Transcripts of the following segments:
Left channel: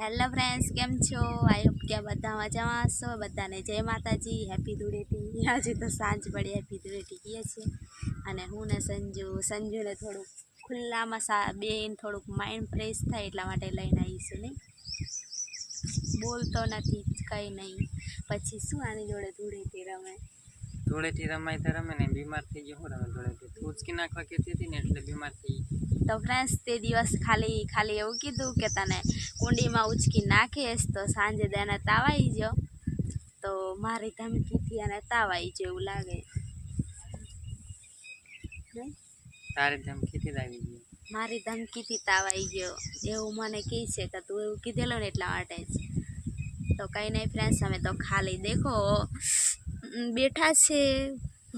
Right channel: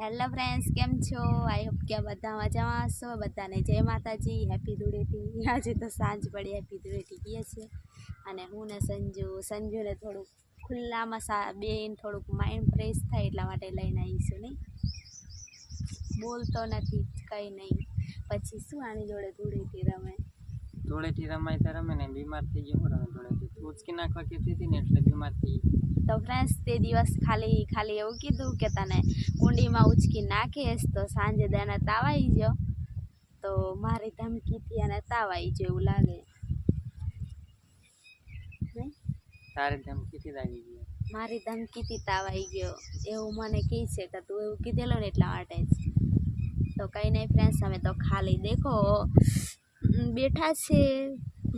Hello friends, કેમ છો? I hope કે બધા મજામાં હશો. બધાને જય માતાજી, હેપી ધૂળેટી. આજે તો સાંજ પડી, હેપી ધૂળેટી કહીએ છીએ. અને હું ને સંજુ, સંજુને થોડુંક ખુલ્લામાં સા બેન થોડુંક માઇન્ડ ફ્રેશ થાય એટલા માટે લઈને આવીશું, નહીં? બોલતો નથી, કંઈ નહીં. પછી શું આની જોડે ધૂળેટી રમે? ધૂળેટી રમાય તો રમે ને બીમાર થઈ ગયો હું રમે ધૂળેટી. તું ઉચકી નાખવા કહેતી હતી ને એટલે બીમાર થઈ ગઈ. તો ફ્રેન્ડ્સ તે દિવસ ખાલી ખાલી એવું કીધું કે તને કુંડીમાં ઉચકી નાખીશ તો સાંજે તેને તાવ આવી ગયો. તો મારી ધમકીથી અને તાવ આવી ગયો એવું લાગે. નહીં? તારે ધમકીથી જ આવી ગઈ મારી ધમકીથી તાવ આવી ગયો. એવું મને કહે છે કે તું એવું કીધેલું ને એટલા માટે જ. તો કંઈ નહીં ફ્રેન્ડ્સ અમે તો ખાલી દેખો. ઉમ, બેઠા છે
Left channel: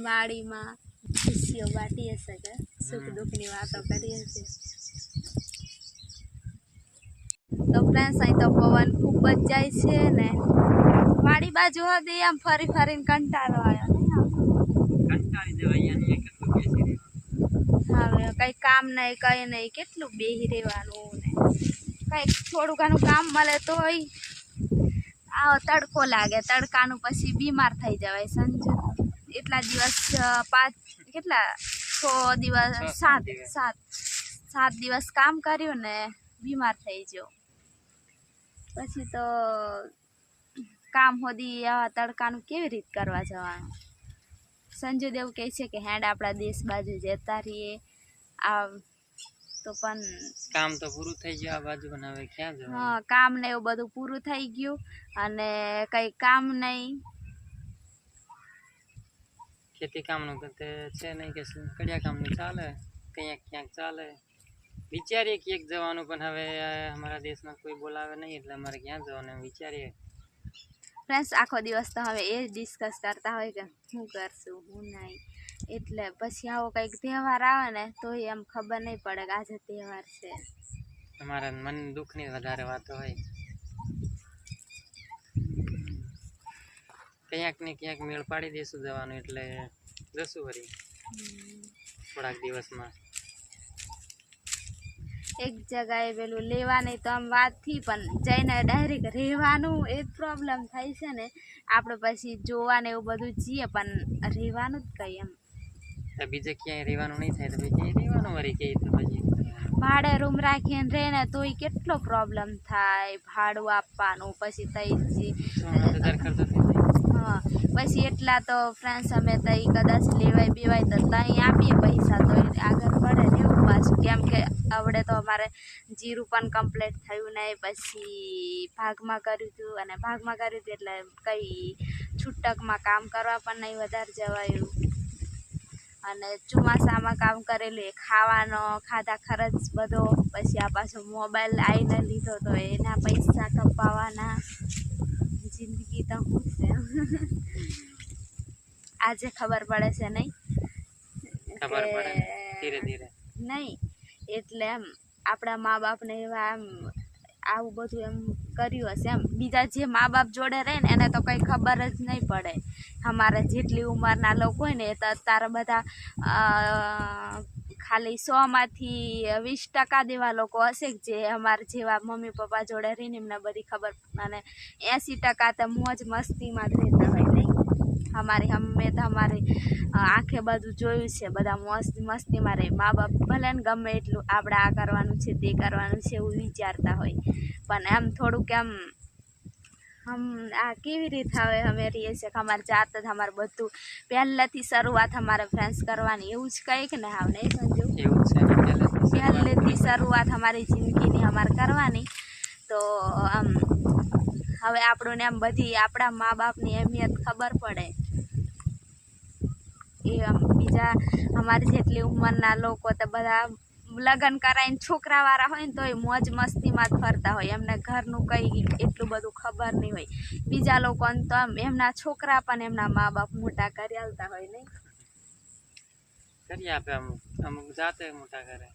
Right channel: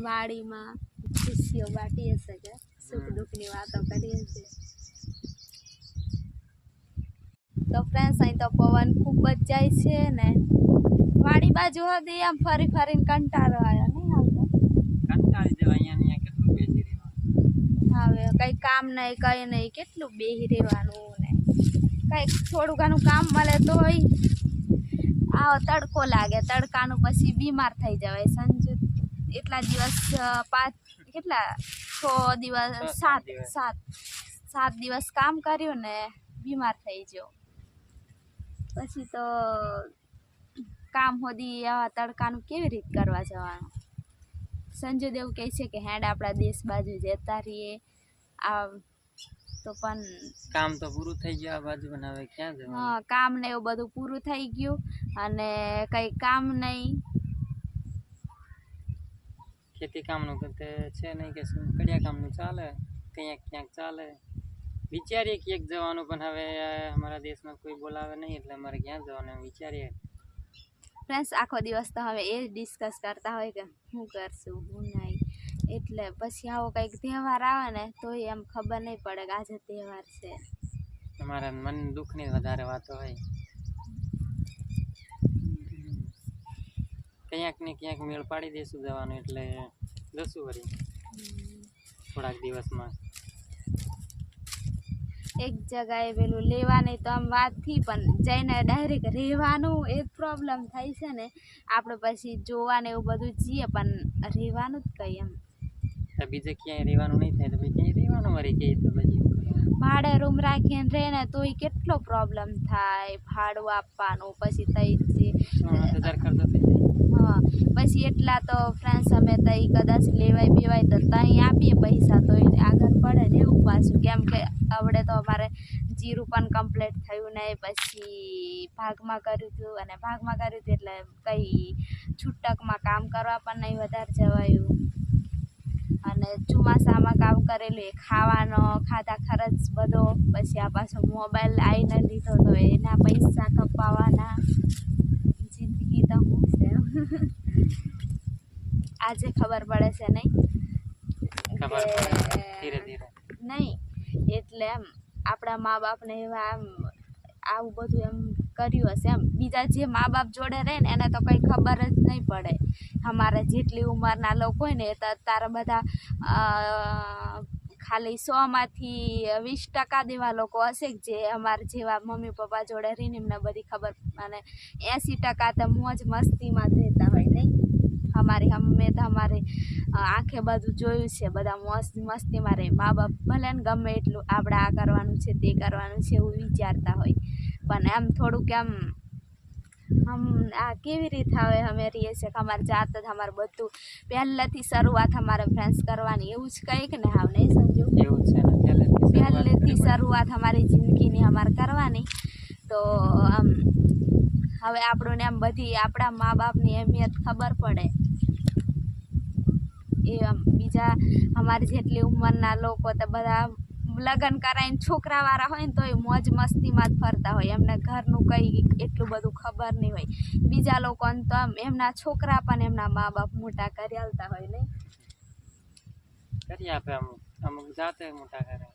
વાડીમાં. ખુશીઓ બાટીએ છે કે? સુખ દુઃખની વાતો કરીએ છીએ. તો ફ્રેન્ડ્સ અહીં તો પવન ખૂબ જ જાય છે ને વાડી બાજુ હતી આમ ફરી ફરીને કંટાળો આવ્યો નહીં આવતો કંટાળી જવા અહીંયા ને અહીંયા કેટલું બેસી રહેવાનું? હવે કઈ કામ નહીં કઈ નહીં કેટલું બેહી રહેવાનું ને? કઈ થોડું ઘણું કામ મળે તોય આવો તડકો લાગે તડકાનું પછી બીમાર થઈ જવાય. સંજુ એટલા દિવસ પાંચ કેટલા? છ દિવસ સાત સાત સાત દિવસ કામ કર્યું ને બીમાર થઈ ગયો. પછી તો કામ હોદી આવા તડકાનું કેવી રીત કરવા જવાનું? સંજુ દેવ કહે છે કે હેડ આપણા દેશ બાજુ જતા રહીએ. આ તો પણ કામ તો પૂરું થઈ ગયું આ બાજુ પણ હવે ક્યાં જવાનું? હા કામ ને એવું બધું પૂરું થઈ ગયું અને કંઈ કામ નહીં. ખેતી કામનું તો છે નહીં કે કડિયા કામનું ચાલે ક્યાંક ક્યાંક ચાલે. વિચારીએ ક્યાંક જવાનું પણ હવે અમારા દેશમાં કોઈ બોલાવે નહીં એટલે અમારે ક્યાં જવાનું વિચારીએ. ફ્રેન્ડ્સ આખો દિવસ તો હવે એ જ ડિસ્કસ કરતા હોય કે શું કરશું હું નહીં. એટલે પછી આવો કંઈક તહેવાર આવે ને તોય એમ ખબર નહીં પડે કે આજે તહેવાર છે. અમારા મન દુઃખની વધારે વાતો હોય. ક્યાંક ને ક્યાંક મેળ પાડી દઈશું જવાનું એટલે જશું વળી થોડાક દિવસમાં. એક જગાએ પેલું લેવાની તો આમ વાતથી પણ જઈને ડાયરેક્ટ રહેવાનું એ જ પ્રોબ્લેમ થાય છે ને. આપણે પછી જોવાને એવું બધું જઈએ પણ રહેવાનું જ કંઈ એમ. તો બીજે ક્યાંય રહેવાનું નહીં થાય તો પછી ક્યાંય રહેવાનું વળી કે તો પછી? ભાડે રૂમ રાખીને રહે ને તો એ કેટલો પ્રોબ્લેમ થાય ભાડું આપવાનું પછી તઈ હજાર ખર્ચો હા પછી એટલા તો ફ્રેન્ડ્સ અમે તઈ કદાચ લેવાય બેવાય તો તઈ આપીએ પૈસા તો આગળ પડે ને એવું પાછું. કેમ કે આવડે તો અમારે જીરું પણ કમ્પ્લીટ થયું ને પછી ભાગમાં કર્યું હતું અને ભાગમાં કર્યું હતું એટલે કંઈ છૂટકમાં કામ કરવા પણ નહીં વધારે જવાયું. અને ચોમાસામાં કામ કરેલું એ ખાવાનો ખાધા ખર્ચ બધો પછી આ પાછો મોબાઈલ આવીને લીધો તો એના પૈસા કપાવાના. જિંદગી તો હું છે. આજે ખબર પડે છે નહીં? કે નહીં એટલે એમ આપણા મા બાપને એવા એમ આવું બધું એમ કર્યું હશે. એમ બીજા જે મા બાપ જોડે રહે ને, એને તો કંઈ ખબર જ નહીં પડે. અમારા જેટલી ઉંમરના લોકો હોય ને, એ તો અત્યારે બધા ખાલી સોમાંથી વીસ ટકા દેવા લોકો હશે જે અમારા જેવા મમ્મી પપ્પા જોડે રહીને એમને બધી ખબર અને એંસી ટકા તો મોજ મસ્તીમાં જ રહેતા હોય, નહીં? અમારી અમે તો અમારી આંખે બધું જોયું છે, બધા મસ્ત મસ્તીમાં રહે. મા બાપ ભલે ને ગમે એટલું આપણે આ કરવાનું છે, તે કરવાનું છે, એવું વિચારતા હોય. પણ એમ થોડુંક એમ હમ આ કેવી રીતે હવે અમે રહીએ છીએ કે અમારે જાત જ અમારે બધું પહેલેથી શરૂઆત અમારે ફ્રેન્ડ્સ કરવાની એવું જ કંઈક ને હાવ નહીં સંજુ? એવું છે પહેલેથી શરૂઆત પહેલેથી શરૂઆત અમારી જિંદગીની અમારે કરવાની. તો આમ હવે આપણને એમ બધી આપણા મા બાપની અહેમિયત ખબર પડે. એ આમ બીજા અમારી જેટલી ઉંમરના લોકો તો બધા લગ્ન કરાવીને છોકરાવાળા હોય ને તોય મોજ મસ્તીમાં જ ફરતા હોય. એમને ઘરનું કંઈ એટલું બધું ખબર નહીં હોય. બીજા લોકોને તો આમ એમના છોકરા પણ એમના મા બાપ મોટા કરી આલતા હોય નહીં. કરી આપે અમુક અમુક જાતે મોટા કરે.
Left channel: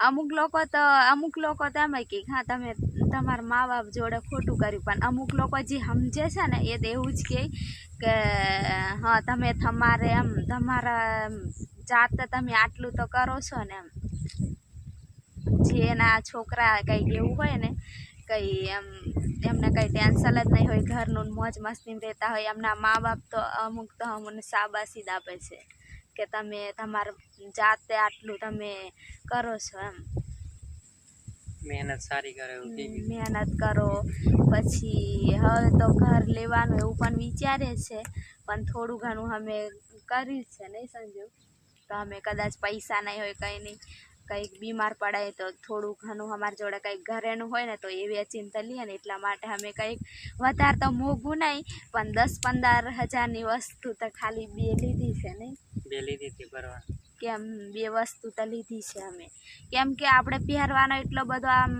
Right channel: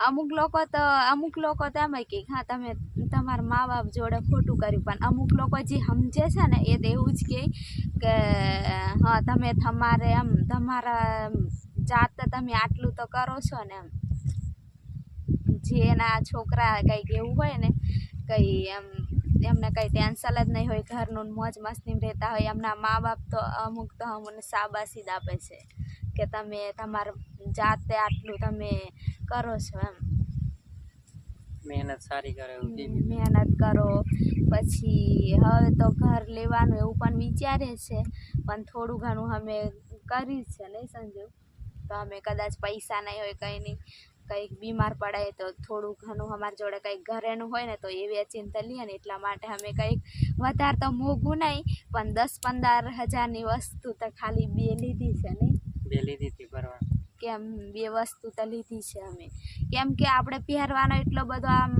અમુક લોકો તો અમુક લોકો તો એમ કે હા તમે તમારા મા બાપ જોડે ખોટું કર્યું પણ અમુક લોકો જે સમજે છે ને એ તો એવું જ કહે કે હા તમે તમારે એમ તમારા જાતે તમે આટલું તો કરો છો ને એમ. જે એના છોકરા કંઈક એવું હોય ને કંઈ એમ એમને કંઈ ટેન્શન જ નહીં હોય ઘરનું મોજ મસ્તી રહેતા હોય એમના મા બાપ તો અમુક તો અમને શાબાશી જ આપે છે કે તમે તમારા જાતે આટલું તમે કરો છો એમ. મહેનત સારી કરે મહેનત કરો પછી હવે તો ઘર લેવાનું એવું પણ વિચારે છે પણ થોડું ઘણું અમે કર્યું છે નહીં સંજુ? તો અમે કદાચ પૈસા નહીં હોય કંઈ નહીં. કંઈક બીમાર પડાય તો થોડું ઘણું અમારી જોડે કંઈક ઘરેનું હોય ને તો એ વેચીને લઈએ ને એટલા માટે અમે કંઈક વધારે તો મોંઘું નહીં પણ દસ પંદર હજારની વસ્તુ તો ખાલી બે લીધી છે નહીં. બે લીધી હતી બરાબર કેમ? બે વસ્તુ તો લીધી છે અમે. કેમ કે આપણે પહેરવાનો એટલો બધો આમ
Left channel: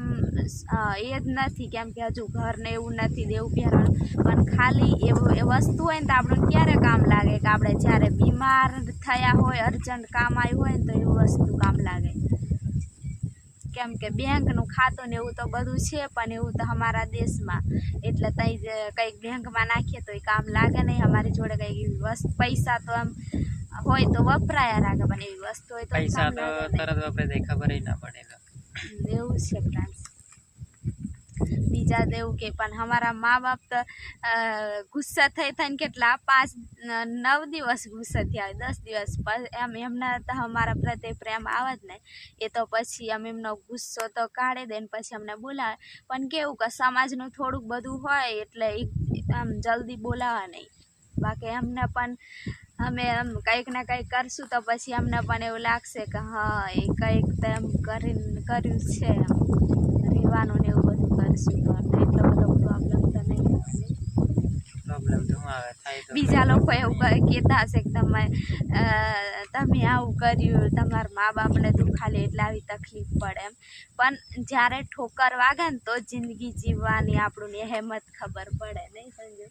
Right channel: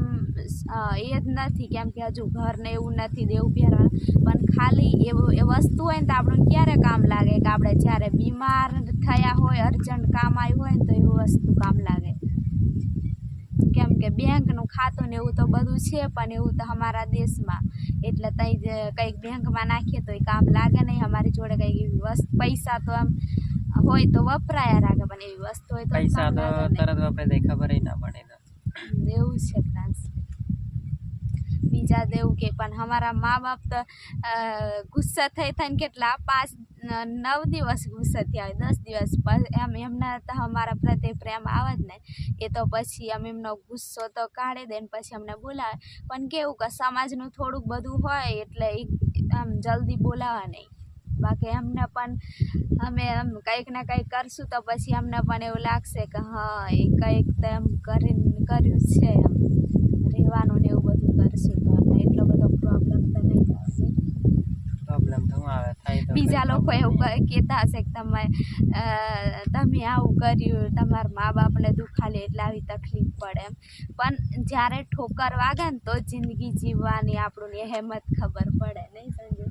એ જ નથી કેમ કે હજુ ઘરને એવું નથી દેવું પહેરવાનું. પણ ખાલી એવું એ વસ્તુ હોય ને તો આપણને ક્યારે કામ લાગે? કે આપણે જ્યારે બીમાર થયા હોય અર્જન્ટ કામ આવ્યું હોય ને તો એવું વસ્તુ કામ લાગે. કેમ કે બેંકનું ખાતું ને એવું તો બધું છે પણ એવું તો અમારા દેશમાં. એટલે ત્યાં જ કંઈક બેંકમાં નાખીએ તો એ કામ લાગે નહીં. અમારી જોડે કંઈક એવી વસ્તુ પૈસા તો આમ હોય તો વપરાયા રાખે પણ એવી વસ્તુ હોય તો પૈસા તો તરત વપરાય તો ખબર ના પડે એવું છે ફ્રાન્સ બીજા દેવું કે પણ અમારા મા બાપ તો ગુસ્સા થઈ થઈને કેટલા પાંચ નવ દિવસ ગુસ્સે થયા દસ દિવસ એમ, એમના તો અમારા પ્રત્યે પ્રેમ આવે જ ને. એ તો પછી એમ એમનો ગુસ્સો તો કાઢી દે ને પછી અમને બોલાવે. પણ કેવું કે સમાજનું થોડુંક બધું હોય એટલે આમ, જલ્દી બોલાવે નહીં. બાકી એમને પણ અમે એમ કંઈક ને કંઈક કરશું તો પછી અમને પણ એવું લાગશે કે હા, એ કંઈક તો એમ કરીને કર્યું છે એમ. રહેવાનું ને એવું બધું કરશું તો એટલો બધો પ્રોબ્લેમ તો નહીં આવે નહીં. પ્રોબ્લેમ તો આવે થાય બીજા લોકો એવું કહે- કહેતા હશે કે તમે તમે આવું કર્યું તમારા મા બાપને દુખાલે એટલે આવી તકલીફ પડે એમ. પણ જ્યારે ઠોકર વાગે ને તો જિંદગી જીવવાની આપણને હેમત ખબર પડે નહીં સંજુ?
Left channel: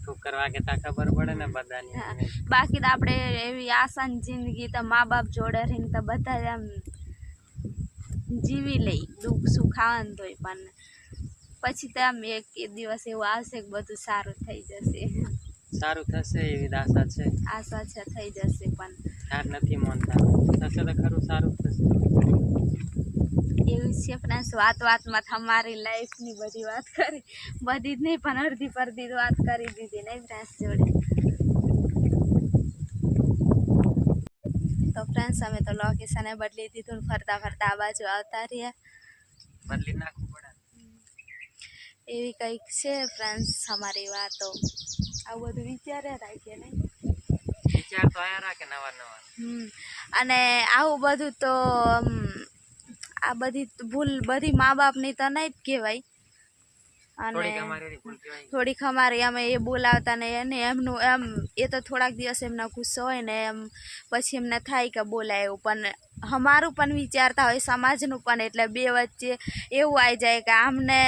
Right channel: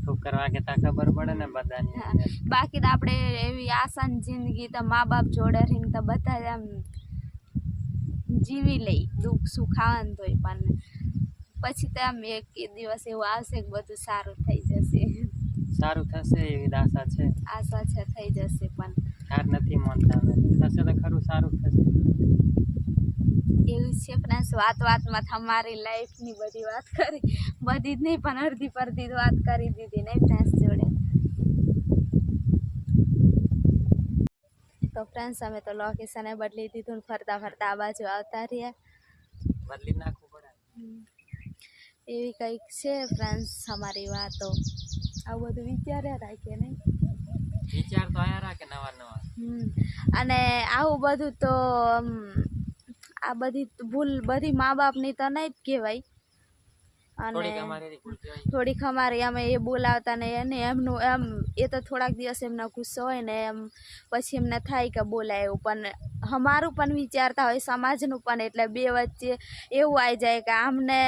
ઠોકર વાગે તા ખબર પડે ને બધાની બાકી તો આપણે એવી આસાન જિંદગી તો મા બાપ જોડે રહીને તો બધા એમ જીવી લઈ દુઃખ સુખ આવે ને તોય પણ પછી તો આમ એક દિવસ એવું આવશે કે બધું સારું થઈ જશે. સારું થશે એવી આશા છે. આશા છે થઈ જશે પણ. હાર નથી માનતા. થશે તો ખરું સારું થશે. એવું છે ફ્રેન્ડ્સ વાત વાતમાં તમારી લાઈફની બધી વાત કરી. બધી જ નહીં પણ અડધી પરધી વાત કરી દીધી નહીં ફ્રેન્ડ્સ જોડે? તો ફ્રેન્ડ્સ અમે તો લોકેશને બદલી દીધું ફરતા ફરતા આ બાજુ આવતા રહ્યા. બદલી પડે એવી કંઈક છે ફ્રેન્ડ્સ અમારી વાતો. આવું બધું વિચાર્યા રાખીએ નહીં? વિચાર તો આયા રાખે નવા નવા. હમ. અને આવું બધું તો આ બધી ભૂલ બધી મા બાપની તો નહીં જ કહેવાય. અને થોડીક અમારી અમે એ બોલાવતા ને એને એમનું એમ એ તો થોડાક દિવસ એમનો ગુસ્સો હોય ને એમ પછી એમને થાય કે બોલાય એવું. પણ અમારું પણ વિચારતા હોય સમાજનું પણ એટલે બે વચ્ચે એવું આવી જાય કે આમને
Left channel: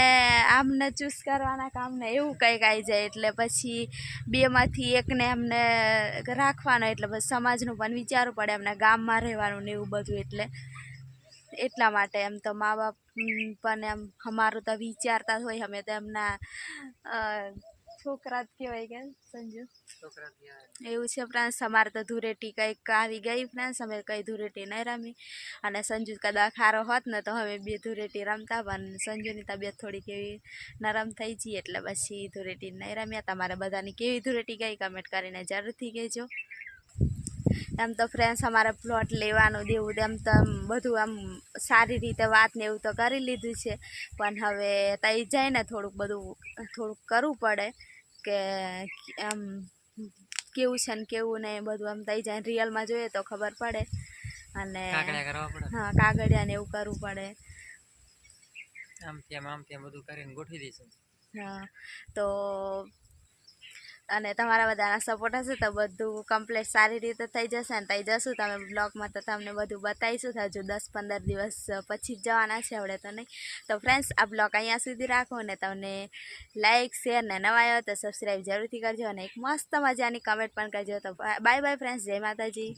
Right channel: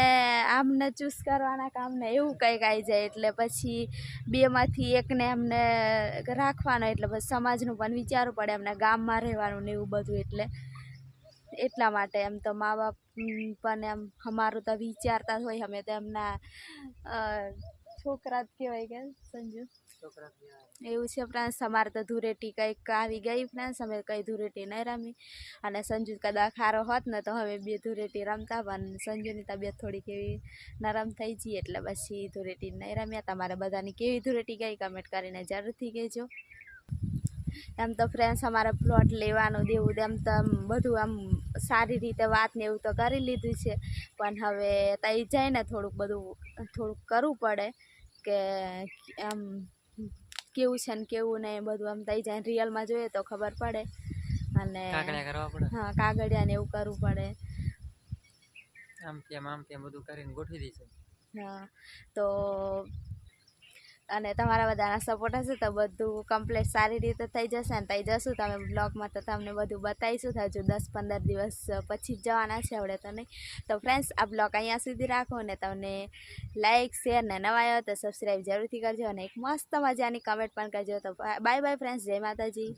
આમને ચૂસ કરવાના કામને એવું કંઈક આવી જાય. એટલે પછી બેમાંથી એકને એમને રાખવાનો એટલે બસ સમાજનું પણ વિચારવું પડે એમને ગામમાં રહેવાનું ને એવું બધું એટલે એટલા માટે એમ તો મા બાપ પણ એમ અમારું તો વિચારતા હોય અમે તો એમના છોકરા જ કહેવાય કે સંજુ. છોકરા એવું છે ફ્રાન્સ અમારે તો ધૂરેટી કંઈક આવી ગઈ ફ્રાન્સ અમે કંઈ ધૂળેટી નહીં રમી. અને સંજુ કદાચ ખારો હોત ને તો હવે બે ધૂરેટી રમતા પણ સંજુની તબિયત થોડીક એવી નરમ થઈ ગઈ એટલે પછી ધૂરેટી નહીં રમ્યા. તમારે બધાની કેવી ધૂરેટી ગઈ? કમેન્ટ કરીને જરૂરથી કહેજો. એમ તો ફ્રેન્ડ્સ અમારે પ્લોટ લેવાનું દેવું એમ તો બધું આમ સારી રીતે વાત ને એવું તો કરી લીધું છે. પણ હવે તઈ જઈને થોડુંક બધું થોડુંક કરવું પડે કે આમ કેવું છે ને કેવું નહીં બધું આમ તઈ જાય. રિયલમાં જોઈએ તો ખબર પડે. અને હા કાગળિયા ને એવું કરવું પડે. આમ તેમ આમ તેમ બધું કરીને ગોઠવી દઈશું. હા તો અને તમારા બધાના સપોર્ટ હશે તો બધું કમ્પ્લીટ સારી રીતે થઈ જશે ને થઈ જશું તમે બ્લોગમાં તો તમને બધું બતાવીશું. તો હજુ દસ પંદર દિવસ પછી જ જવાના છે આપણે તો નહીં. તો ફ્રેન્ડ્સ આ બ્લોગ અહીંયા સુધી રાખો ને તમને લાઇક શેર ને નવા આવ્યો તો સબસ્ક્રાઈબ જરૂરથી કરજો અને એક મસ્ત મજાની કમેન્ટ પણ કરજો. તો બાય બાય ફ્રેન્ડ્સ જય માતાજી